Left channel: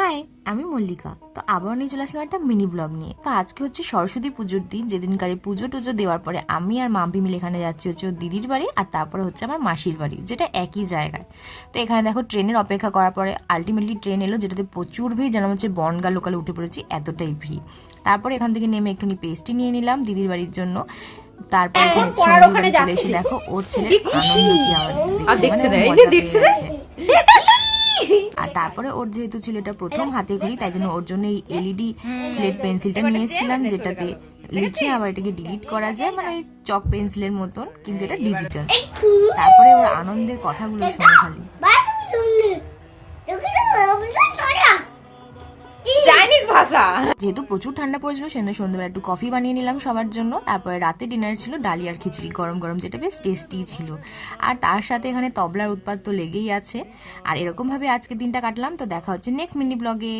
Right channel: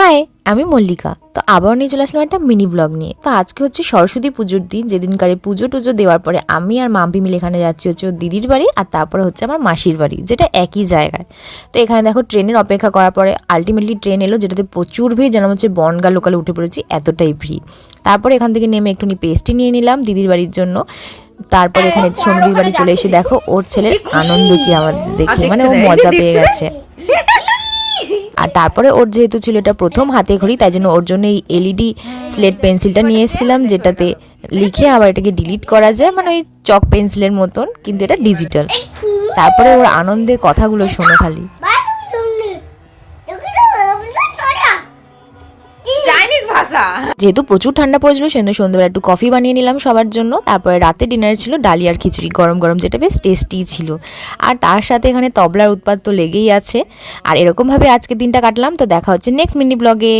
High, আমি মল্লিকা। তো আবার নিয়ে চলে আসলাম একটা মিনি ব্লগ নিয়ে। তো আজকে হচ্ছে সরস্বতী পুজোর দিন, যেদিনকারে পুজো টুজো দেওয়ার পরে আমি আর মাম্পি মিলে এখানে যাচ্ছি হচ্ছে ওর দিদির বাড়ি, আর তারপরে হচ্ছে আমার মাসির বাড়ি, যেটা একই জায়গায়। তো এখানে দেখো ট্রেনের অপেক্ষা করার পরে আলটিমেটলি ট্রেন এলো, যেটাতে প্রচুর ভিড়, যেন হচ্ছে বনগা লোকালে উঠে পড়েছি, এতটাই ভিড়। তারপরে এখান থেকে নেমে একটুখানি পেস্ট্রি নিয়ে নিলাম দিদির বাড়ির জন্য। তারপরে এখানে সন্ধি বাড়ি চলে এসে দেখো ওর ছেলের আনন্দ কি আমাদের দেখে, মানে ও মজা পেয়ে গেছে। আর তারপরে ওর যেহেতু ছিল এটা প্রথম হাতে ঘড়ি, তাই জন্য ওর জন্য এই এলইডি স্লেট পেন্সিলটা নিয়ে এসেছিলাম, যেটাতে লিখে আবার এটাকে ডিলিট করা যায়, মানে ওই চক পেন্সিলের মতন, কিন্তু এটা ডিজিটাল। তারপরে ওর আনন্দের কথাগুলো শোনো খালি। যেহেতু প্রচুর ঠান্ডা পড়েছিল, সেজন্য সন্ধ্যাবেলা একটু কফি বানিয়ে নিলাম সবার জন্য। তারপরে রাতে ডিনারে ছিল ডালি আর খিচুড়ি, গরম গরম, যেটা বেশ টেস্টি ছিল। আর তার সাথে এখানে তবলার উৎপাত তো লেগেই আছে। আর এরকমভাবে আজকে দিনটা কাটলাম। তো দেখা হচ্ছে নেক্সট মিনি ব্লগে।